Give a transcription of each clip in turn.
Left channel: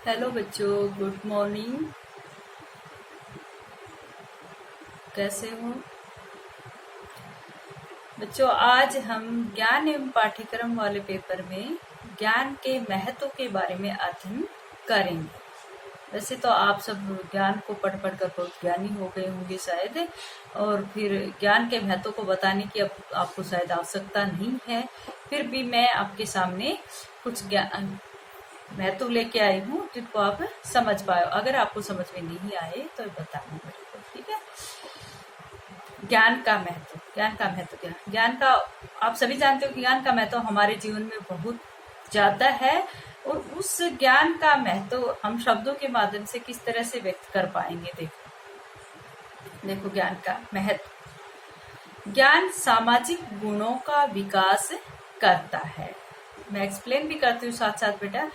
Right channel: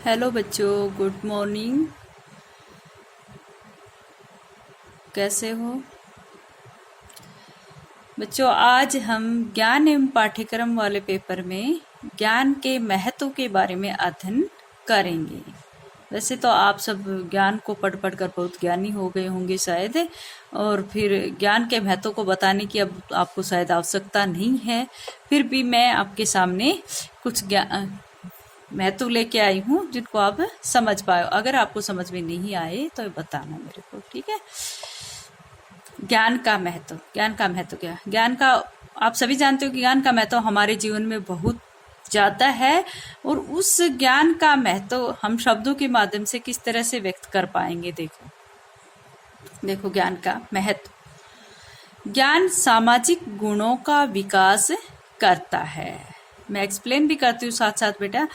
Hello बच्चों, good morning. कैसे हो बच्चों? आज हम ज्ञान एवं पाठ्यक्रम वाले पेपर में ज्ञान के महत्व के बारे में अध्ययन करेंगे। वैसे तो आप सब ज्ञान को पढ़ पढ़ कर बहुत ज्ञानी हो गए होंगे शायद, और फिर ज्ञान के महत्व को बताने की अब आपको शायद आवश्यकता नहीं है। फिर भी मैं आपके सामने कुछ ज्ञान महत्व लेके आई हूँ जिनको आप समझ पाए। अगर आपको समझ में नहीं आए तो बताना मेरे को, ठीक है? ज्ञान का महत्व क्या? ज्ञान का आप सभी जानते हो कि ज्ञान का महत्व हमारे जीवन में बहुत ज्यादा है, और उस ज्ञान का महत्व हम शब्दों के माध्यम से किस तरह से व्यक्त कर पाएंगे। देखो ज्ञान का महत्व। ज्ञान सामाजिक गुणों का विकास करता है। मैं एक्सप्लेन भी करती हूँ साथ साथ बेटा।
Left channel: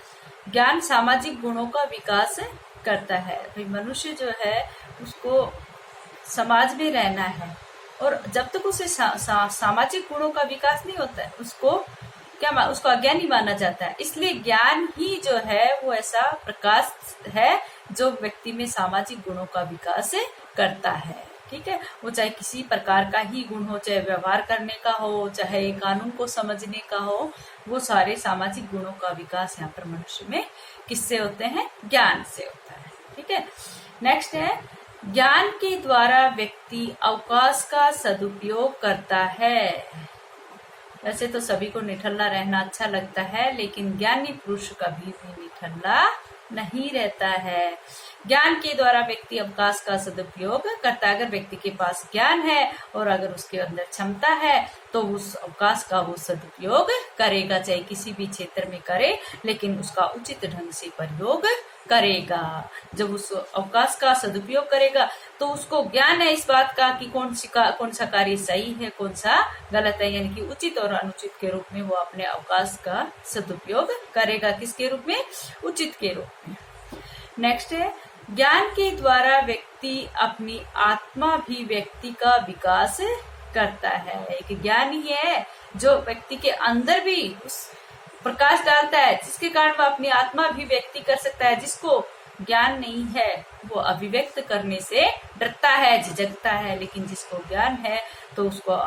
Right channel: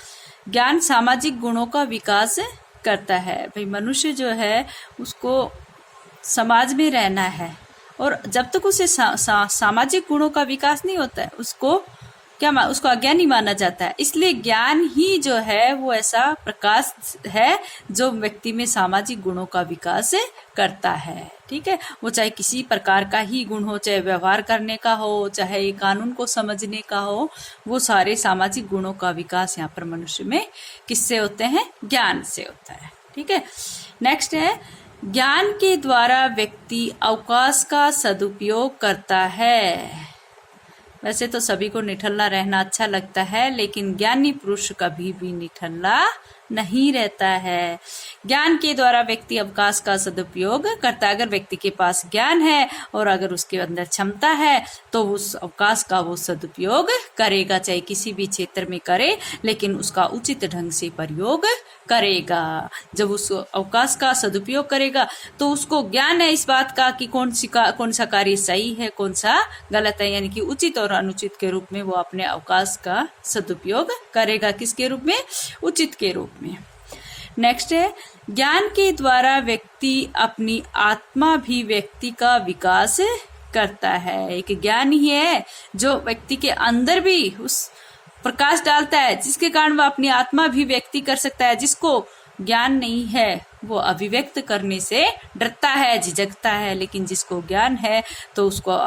ज्ञान सामाजिक गुणों का विकास करता है। भाई मनुष्य जो है उसको समाज में रहना है, और जब तक उसे सामाजिक गुणों का विकास नहीं होता है उसको अज्ञानी माना जाता है। इसलिए ज्ञान ही जो है वो ऐसा प्रकाश है जो व्यक्ति में सामाजिक गुणों का विकास करता है। ठीक है, वो चाहे किसी प्रकार का ही गुण हो, चाहे व्यवहार करने का हो, चाहे कानून को समझने का हो, वो सारे सामाजिक गुणों का विकास यहाँ पर मनुष्य में किससे होते हैं? ज्ञान से होता है। ठीक है, नेक्स्ट है, ज्ञान के द्वारा व्यक्ति अवकाश का सदुपयोग करता है। वैसे तो सभी को निठल्ला रहना अच्छा लगता है, लेकिन ज्ञानी पुरुष कभी भी निठल्ला नहीं रहता है। ज्ञान के द्वारा व्यक्ति अवकाश का सदुपयोग करता है। अगर व्यक्ति के पास ज्ञान है और अगर उसके अंदर क्षमता है तो उस अवकाश का वो सदुपयोग करेगा, चाहे किसी भी क्षेत्र में करे, लेकिन उसका उचित ढंग से प्रयोग करेगा। जब उस अवकाश का सदुपयोग करेगा तो उसको ज्ञान है इस बात का कि कौन सा कार्य सही है, कौन सा गलत है, यानी कि उचित और अनुचित के रूप में वो अपने अवकाश का सदुपयोग करेगा। किसके रूप में? उचित के रूप में। नेक्स्ट है, ज्ञान के द्वारा व्यक्ति अपनी आत्माभिव्यक्ति का विकास करता है। एक ज्ञान ही है जो व्यक्ति के अंदर भी उस प्रकाश डालता है, जिसके कारण वह अपनी आत्मा भी व्यक्ति कर सकता है। जिसको ज्ञान नहीं है वो अभिव्यक्त करने से डरता है, झिझकता है, लेकिन जिसको ज्ञान है तो उसको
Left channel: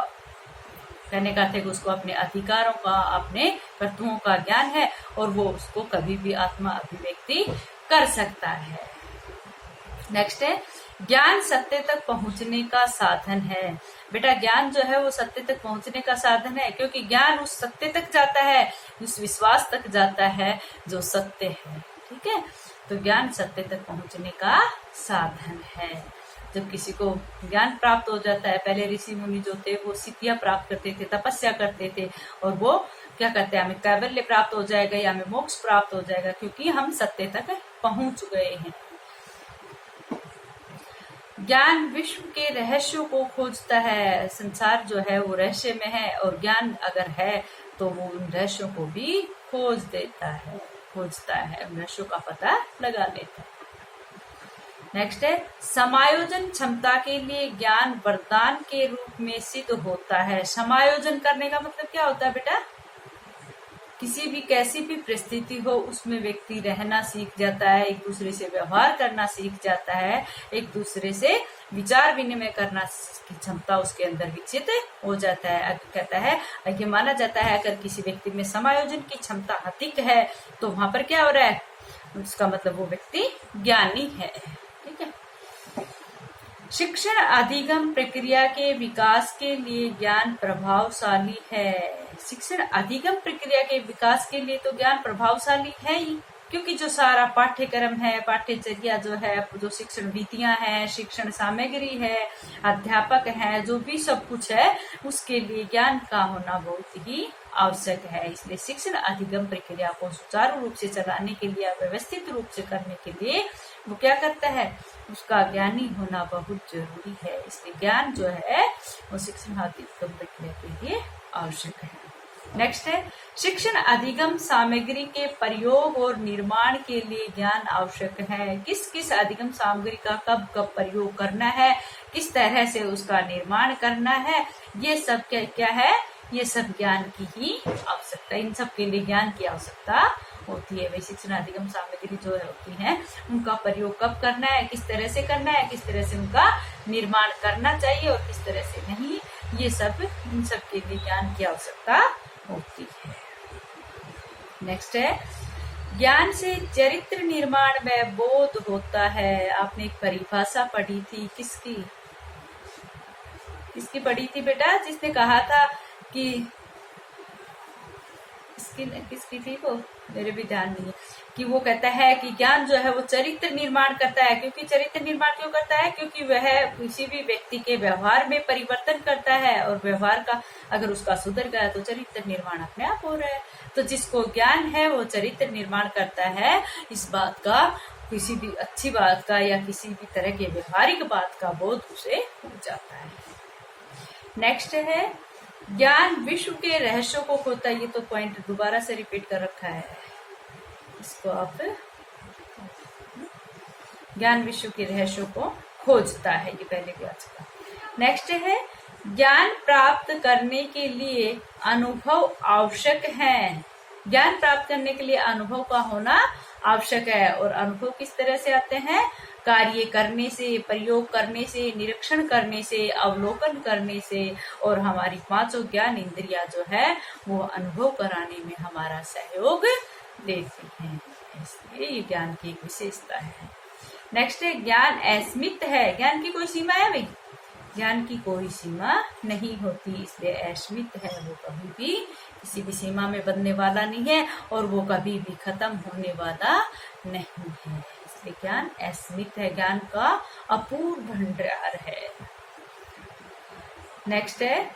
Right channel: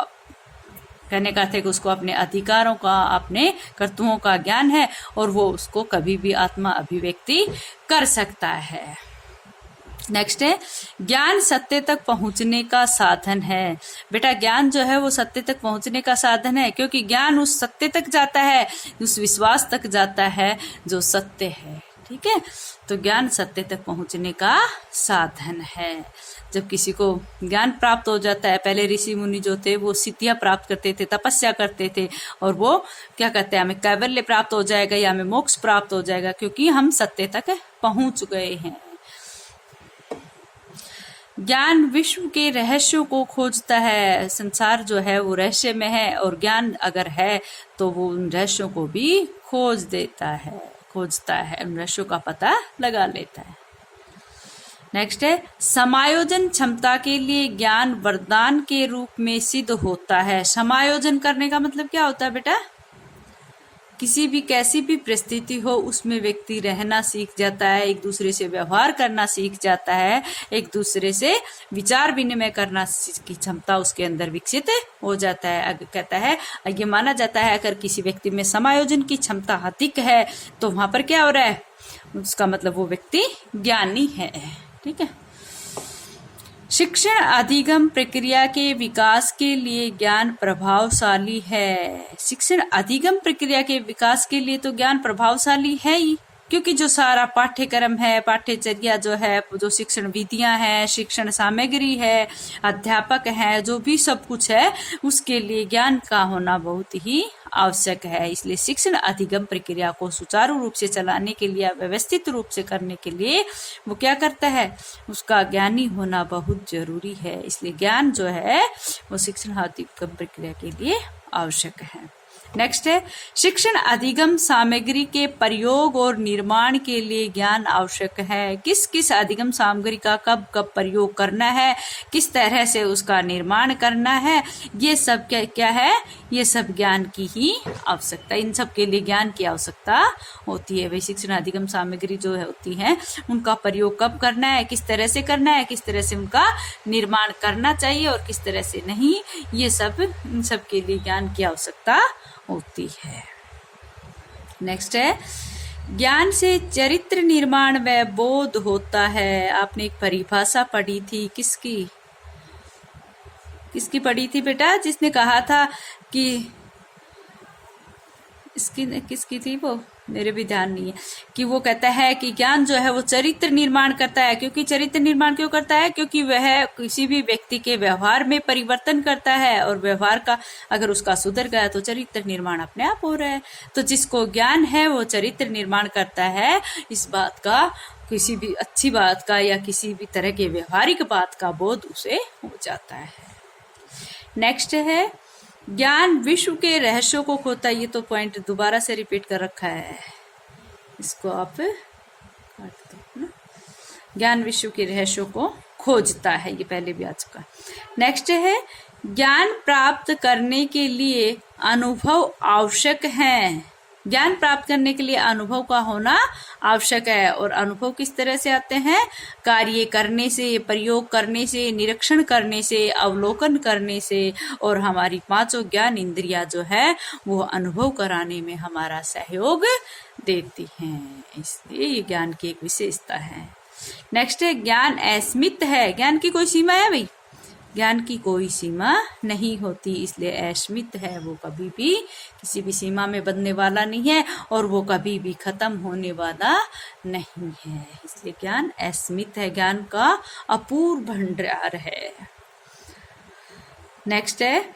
कहने का अर्थ है कि उसको अपने अधिकारों का, अपने कर्तव्यों का ज्ञान है, और वो उसको कभी भी आत्मा अभिव्यक्ति कर सकता है। नेक्स्ट है, ज्ञान सत्य तक पहुंचने का साधन है। बेटा ज्ञान जो है वो सत्य तक पहुंचने का साधन है, क्योंकि ज्ञान उस सत्य तक जाता है, उस विश्वास तक जाता है जो सत्य है। ठीक है, तो ज्ञान सत्य तक पहुंचने का साधन है। जब किसी को ज्ञान प्राप्त हो जाता है, पहले ऋषि मुनि जो थे वो सिद्धियां प्राप्त करते थे, तपस्या करते थे, और वो क्या कहते हैं, हमें कैवल्य प्राप्त हो जाएगा या हमें मोक्ष प्राप्त हो जाएगा, क्योंकि हम सत्य तक पहुंच गए हैं। ज्ञान विश्व के रहस्यों को खोजता है। संसार जो है वो रहस्य में है, और ज्ञान अगर है तो वो उन रहस्यों को भी खोजता है, उन रहस्यों का पता लगा लेता है। नेक्स्ट है, समायोजन क्षमता के लिए ज्ञान वरदान के रूप में सिद्ध होता है। समायोजन करने का मतलब क्या होता है बेटा? किसी भी कैसी भी परिस्थिति हो उसमें व्यक्ति रहना सीख जाता है, एक दूसरे से व्यवहार करना सीख जाता है, एक दूसरे से विचार विनिमय करना की क्षमता उसके अंदर विकसित हो जाता है। कहता है, ये माना जाता है अगर किसी व्यक्ति में समायोजन की क्षमता अधिक है तो वहां पर क्या हो रहा है, उसका मतलब वो व्यक्ति ज्ञानी है। ठीक है, शिक्षण अधिगम प्रक्रिया के विकास के लिए ज्ञान प्रभावशाली है। शिक्षण अधिगम प्रक्रिया के विकास के लिए तो ज्ञान प्रभावशाली है ही, क्योंकि जो सारा पाठ्यक्रम है, पाठ्यचर्या जो है, जो शिक्षण विधियां हैं, शिक्षण सामग्री है, अध्यापक हैं, जो भी सब कुछ है, उसके लिए ज्ञान का होना बहुत ही आवश्यक है। इसलिए शिक्षण अधिगम प्रक्रिया को सुचारू रूप से चलाने के लिए, व्यवस्थित रूप से करने के लिए वो क्या करता है, उसका ज्ञानी होना बहुत जरूरी है। इसलिए ज्ञान जो है वो शिक्षण अधिगम प्रक्रिया के लिए आवश्यक है। नेक्स्ट है, शिक्षण अधिगम सामग्री के प्रयोग और निर्माण के लिए ज्ञान आवश्यक है। किस किस अधिगम सामग्री का कब कब प्रयोग करना है, किस तरह से उसका निर्माण करना है, ये सब क्या क्या है, ये सब ज्ञान की ही आवश्यकता, इन सब के लिए ज्ञान की आवश्यकता होती है। वही शिक्षण अधिगम सामग्री जो है होती है, उनका प्रयोग कब करना है, किस तरह से करना है, किस तरह से उनका निर्माण करना चाहिए और किस तरह से नहीं, ये सब, इन सब के लिए ज्ञान की आवश्यकता होती है। नेक्स्ट है, ज्ञान से चरित्र निर्माण व बोध होता है। आपने एक परिभाषा पढ़ी थी, किसकी पढ़ी थी बेटा, जिसने कहा था कि किसकी थी वो, मेरे भी ध्यान नहीं है, कि वो कहता है कि ज्ञान जो है वो चरित्र निर्माण करता है। क्योंकि चरित्र निर्माण क्यों करता है, क्योंकि वह किसी भी व्यक्ति के व्यवहार में परिवर्तन करता है, और व्यवहार का अगर उसका सुधर गया तो चरित्र निर्माण अपने आप हो रहा है। तो जिसको ज्ञान है वो चरित्र निर्माण करता है, इस बात का, किसी भी अच्छी बात का या किसी भी तरह के व्यवहारिक बात का बोध उसे हो जाता है। नेक्स्ट है, ज्ञान विश्व के रहस्यों को खोता है। ये तो पॉइंट दोबारा से रिपीट कर रखा है, इसको आप, ज्ञान विश्व के रहस्यों को खोजता है, ये पहले भी आ चुका। नेक्स्ट है, ज्ञान प्राप्त करने के लिए अनुभव आवश्यक है। ज्ञान प्राप्त करने के लिए अनुभव का होना आवश्यक है। और अनुभव किस तरह से आते हैं, कार्य करने से, प्रयोग करने से, निरीक्षण करने से, अवलोकन करने से, और हमारी पांचों ज्ञान इंद्रियां जो है वो अनुभव कराने में हमारा सहयोग देती हैं। इसलिए ये ज्ञान की एक विशेषता है। नेक्स्ट है, ज्ञान असीमित है। ज्ञान की कोई सीमा है भाई, ज्ञान की कोई सीमा नहीं होती, इसलिए असीमित है, वो कभी भी किसी भी सीमा में बंधने वाला नहीं है और वो कभी भी खत्म होने वाला नहीं है। इसलिए ज्ञान असीमित है, ज्ञान का अपूर्व भंडार है। नेक्स्ट है,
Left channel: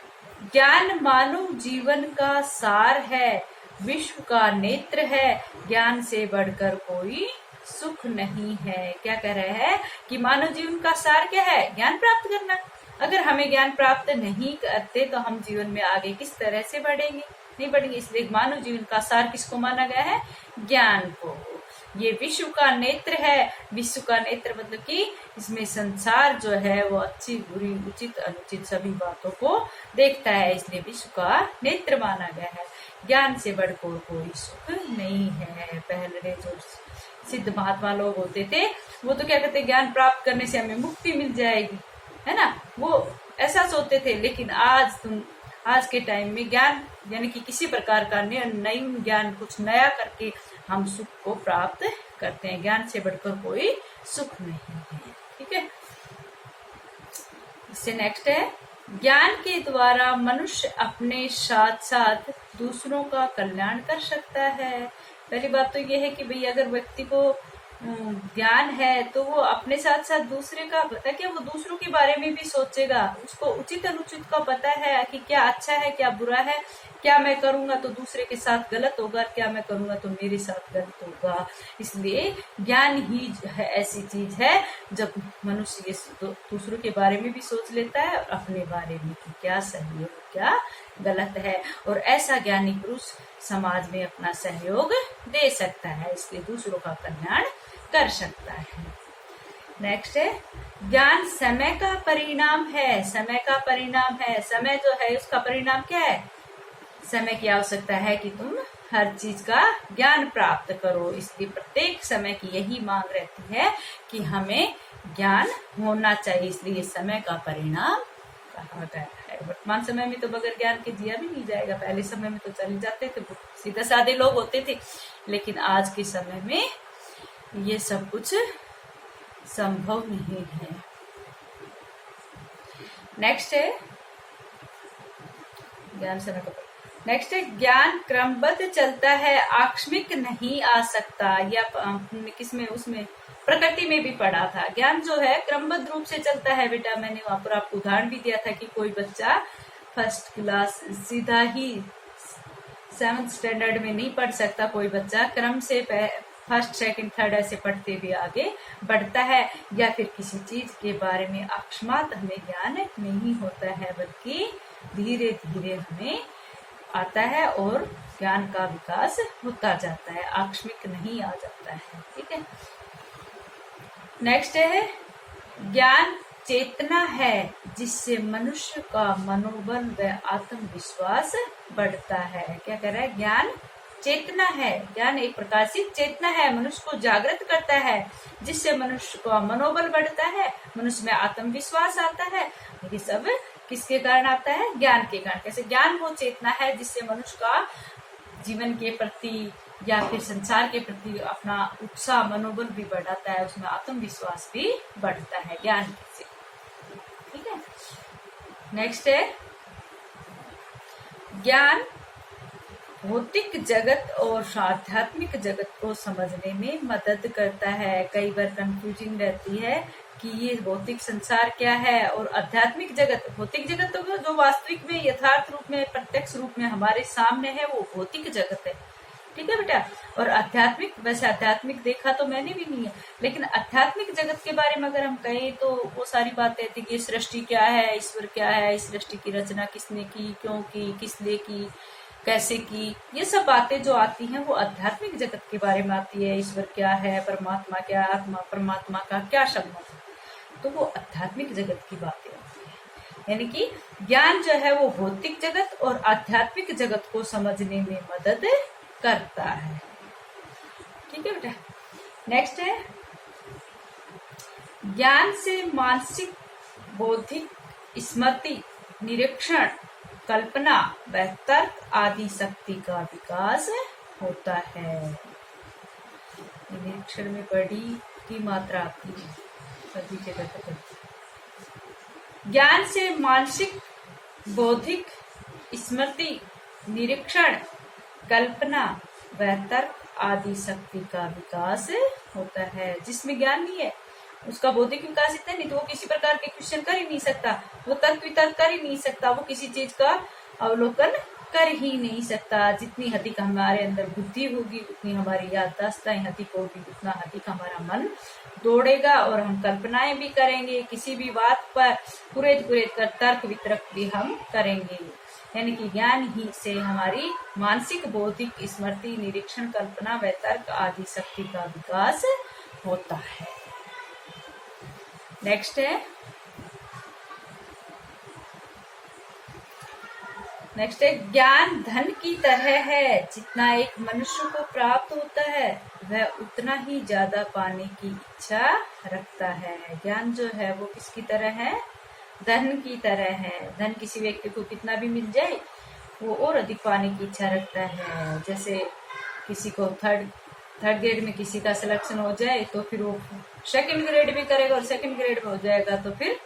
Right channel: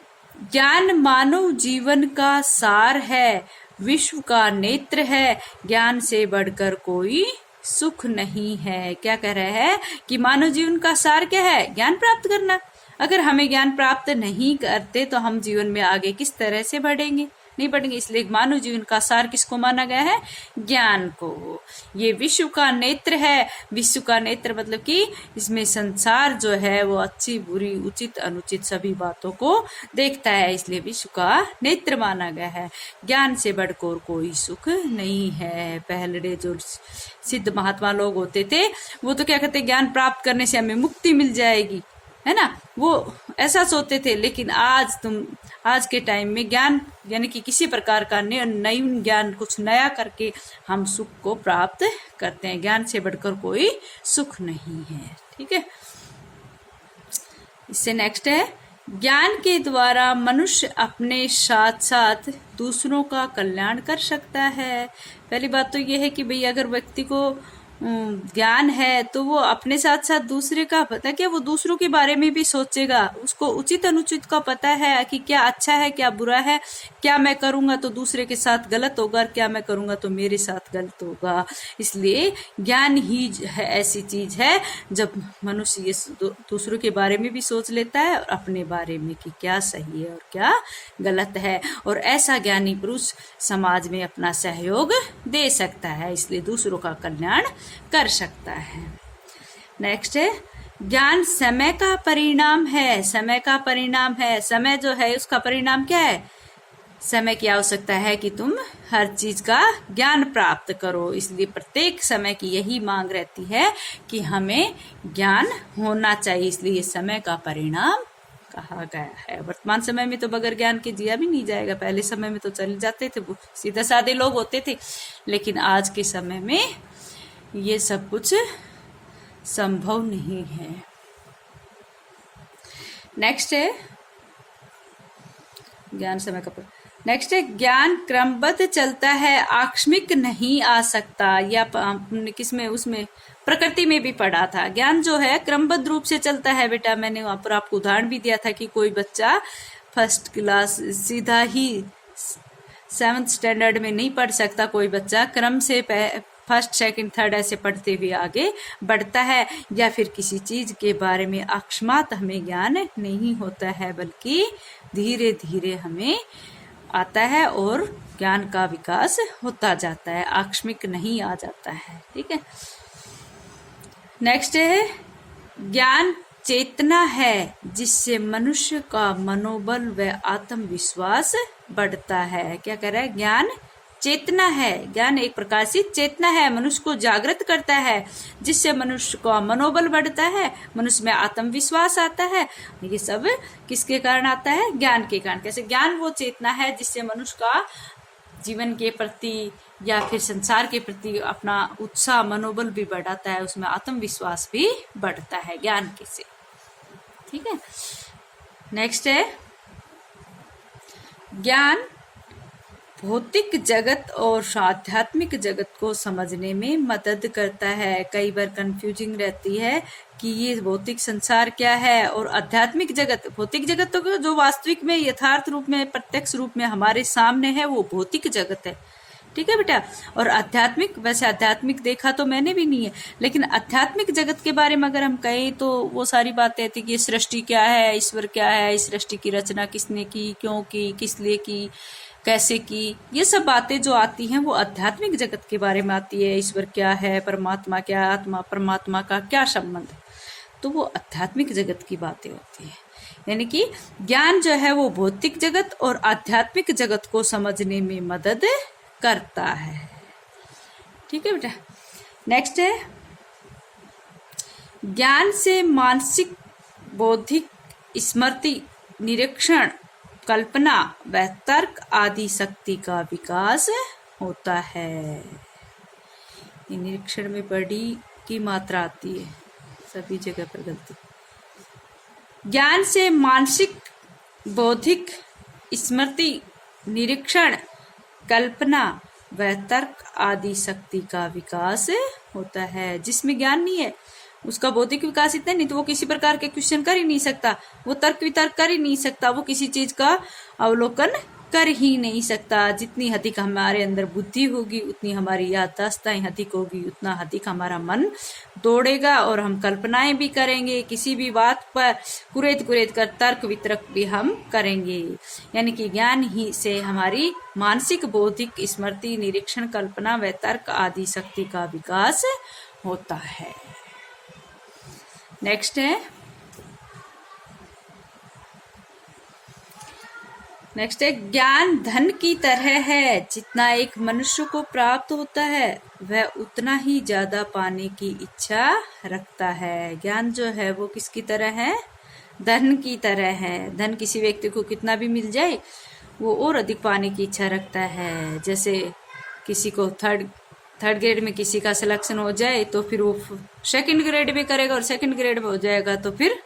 ज्ञान मानव जीवन का सार है, विश्व का नेत्र है, ज्ञान से बढ़कर कोई सुख नहीं है। क्या कह रहा है कि मानव जीवन का सार क्या है, ज्ञान प्राप्त करना। अगर हमें ज्ञान प्राप्त नहीं करते तो हम जीवन में आगे किस तरह से बढ़ेंगे, नहीं बढ़ेंगे। इसलिए मानव जीवन का सार किसको माना गया है, ज्ञान को। ये विश्व का नेत्र है। विश्व का नेत्र मतलब कि इसमें संसार जो है वो अच्छी बुरी उचित अनुचित सभी बातों को देखता है, इसलिए विश्व का नेत्र माना गया है। ज्ञान से बढ़कर कोई सुख नहीं है। पहले जो सिद्ध महात्मा लोग होते थे वो तो क्या कहते, ज्ञान प्राप्त करने से हमें मुक्ति मिल जाएगी, है ना, वो ऐसा सोचते थे। लेकिन आज के टाइम में ज्ञान यानी कि किसी प्रकार का नई ज्ञान, कुछ नया करके हम सुख को प्राप्त करते हैं। ज्ञान से बढ़कर कोई सुख नहीं है। ठीक है, इससे नेक्स्ट है, ज्ञान के द्वारा मनुष्य अपने साथ साथ दूसरों का कल्याण कर सकता है। पहली बात तो यह है कि भाई अगर व्यक्ति को ज्ञान है तो वो अपने साथ साथ दूसरे का पता, क्या वो दूसरों के बारे में भी सोचेगा, उसको उचित अनुचित का पता है कि क्या अच्छा है क्या बुरा है, क्या मैं करूंगा तो दूसरे के साथ गलत होगा, क्या मैं करूंगा तो मेरे साथ गलत होगा। इसलिए ज्ञान ही है ऐसी चीज है जब मनुष्य ये दूसरों के बारे में भी सोच लेता है और अपने बारे में कि क्या सही है और क्या गलत है, और ऐसा ज्ञानी पुरुष समाज में अपना सहयोग दे सकता है, इसलिए दूसरों का कल्याण कर सकता है। नेक्स्ट है, ज्ञान समय का परिणाम है। समय का परिणाम है, समय जो है उसका परिणाम क्या है, समय की आवश्यकता है कि तुम हर चीज का ज्ञान प्राप्त करो। इसलिए प्रत्येक समय की यही मांग रहती है कि हमें ज्ञान होना चाहिए, इसलिए समय का परिणाम कहा गया है। वर्तमान समय में तो बगैर ज्ञान के जिया भी नहीं जाएगा। पहले समय में तो चले जाते थे, सीधे साधे लोग होते थे, लेकिन आज के समय में ये सब कुछ संभव नहीं है। नेक्स्ट है ज्ञान समय का। नेक्स्ट है, ज्ञान क्रमबद्ध चलता है, आकस्मिक नहीं आ सकता। या किसमें, उसमें प्रकृति में भी पढ़ा था। ज्ञान जो है क्रमबद्ध रूप से चलता है बेटा। मैंने वहां पर आपको उदाहरण भी दिया था कि कोई बच्चा फर्स्ट क्लास सीधा ही 7th स्टैंडर्ड में नहीं पढ़ सकता। कोई बच्चा क्रम से फर्स्ट सेकंड थर्ड ऐसे पढ़ते हुए आगे बढ़ता है। या फिर किसी चीज के बारे में अकस्मात हमें ज्ञान नहीं होता है, बल्कि धीरे धीरे हमें आता है और ज्ञान का विकास होता जाता है, आकस्मिक नहीं आ जाता है। ठीक है, नेक्स्ट है ज्ञान चेतना है जिससे मनुष्य का मनोबल व आत्मविश्वास बढ़ता है। क्या कह रहा है, ज्ञान चेतना है, ज्ञान एक प्रकार से चेतना है, मनुष्य को जागृत करता है जिससे मनुष्य का मनोबल बढ़ता है, मनुष्य में आत्मविश्वास आता है। ये सब किसके कारण आता है, ज्ञान के कारण। कैसे, ज्ञान वो चेतना है जिससे मनुष्य का जीवन के प्रति या फिर संसार के प्रति अपना उत्साह मनोबल भी बढ़ाता है, उसमें आत्मविश्वास भी बढ़ता है ज्ञान के से। ठीक है, नेक्स्ट है ज्ञान भौतिक जगत और आध्यात्मिक जगत को समझने में मदद करता है। कई बार कंफ्यूजिंग रहती है कि ये भौतिक संसार क्या है और आध्यात्मिक जगत। भौतिक जगत तो जो वास्तविक में यथार्थ रूप में प्रत्यक्ष रूप में हमारे सामने है वो भौतिक जगत है। ठीक है बेटा, और आध्यात्मिक, वैसे आध्यात्मिक देखा तो मैंने भी नहीं है, लेकिन आध्यात्मिक जगत के बारे में अगर हम कहें तो वो सारी बातें थी कि सृष्टि क्या है, ईश्वर क्या है, इस सृष्टि की रचना किसने की, क्यों की, किस लिए की, कैसे की, ये सब बातें जो आती हैं वो आध्यात्मिक जगत के बारे में आती है। ईश्वर क्या है, परमात्मा क्या, आत्मा परमात्मा का क्या संबंध, तो वो आध्यात्मिक जगत की बातें होती है। यानी कि ज्ञान जो है वो भौतिक जगत और आध्यात्मिक जगत को समझने में मदद करता है। ठीक है बेटा, नेक्स्ट है ज्ञान से मानसिक, बौद्धिक, स्मृति, निरीक्षण, कल्पना व तर्क आदि शक्ति का विकास होता है। निरीक्षण में बड़ी की मात्रा आती है, सभी जगह पर गलती। ज्ञान से मानसिक, बौद्धिक, स्मृति, निरीक्षण, कल्पना व तर्क आदि शक्ति का विकास होता है। जिसमें ज्ञान नहीं है उसका बौद्धिक विकास इतना नहीं तो वो किसी प्रकार के क्वेश्चन कर ही नहीं सकता, वो तर्क वितर्क कर ही नहीं सकता, वो किसी चीज का अवलोकन कर ही नहीं सकता। जितनी अधिक हमारे अंदर बुद्धि होगी उतनी हमारी याददाश्तें अधिक होगी, उतना अधिक हमारा मन दौड़ेगा और हम कल्पनाएं भी करेंगे, किसी भी बात पर कुरेद कुरेद कर तर्क वितर्क भी हम करेंगे। यानी कि ज्ञान ही से हमारी मानसिक, बौद्धिक, स्मृति, निरीक्षण, कल्पना व तर्क आदि शक्ति का विकास होता है। नेक्स्ट है ज्ञान धन की तरह है, जितना एक मनुष्य को प्राप्त होता है वह उतना ही ज्यादा पाने की इच्छा रखता है। ज्ञान जो है वो किसकी तरह है, धन की तरह है। धन किसी व्यक्ति को कितना भी मिल जाए वो और अधिक पाने की इच्छा रखता है। जैसे किसी को थर्ड ग्रेड में किसी का सिलेक्शन हो जाए तो फिर वो सेकंड ग्रेड भी करेगा, और सेकंड ग्रेड में हो जाएगा तो फिर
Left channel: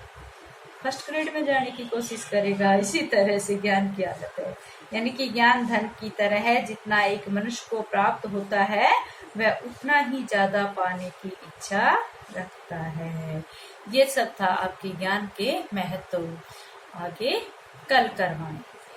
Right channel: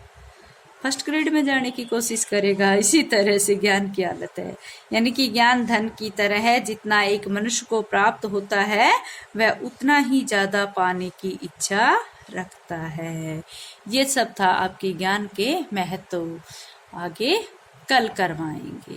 फर्स्ट ग्रेड में जाने की कोशिश करेगा। इसी तरह से ज्ञान की हालत है। यानी कि ज्ञान धन की तरह है, जितना एक मनुष्य को प्राप्त होता है वह उतना ही ज्यादा पाने की इच्छा रखता है। ये सब था आपके ज्ञान के महत्व, आगे कल करवाएंगे।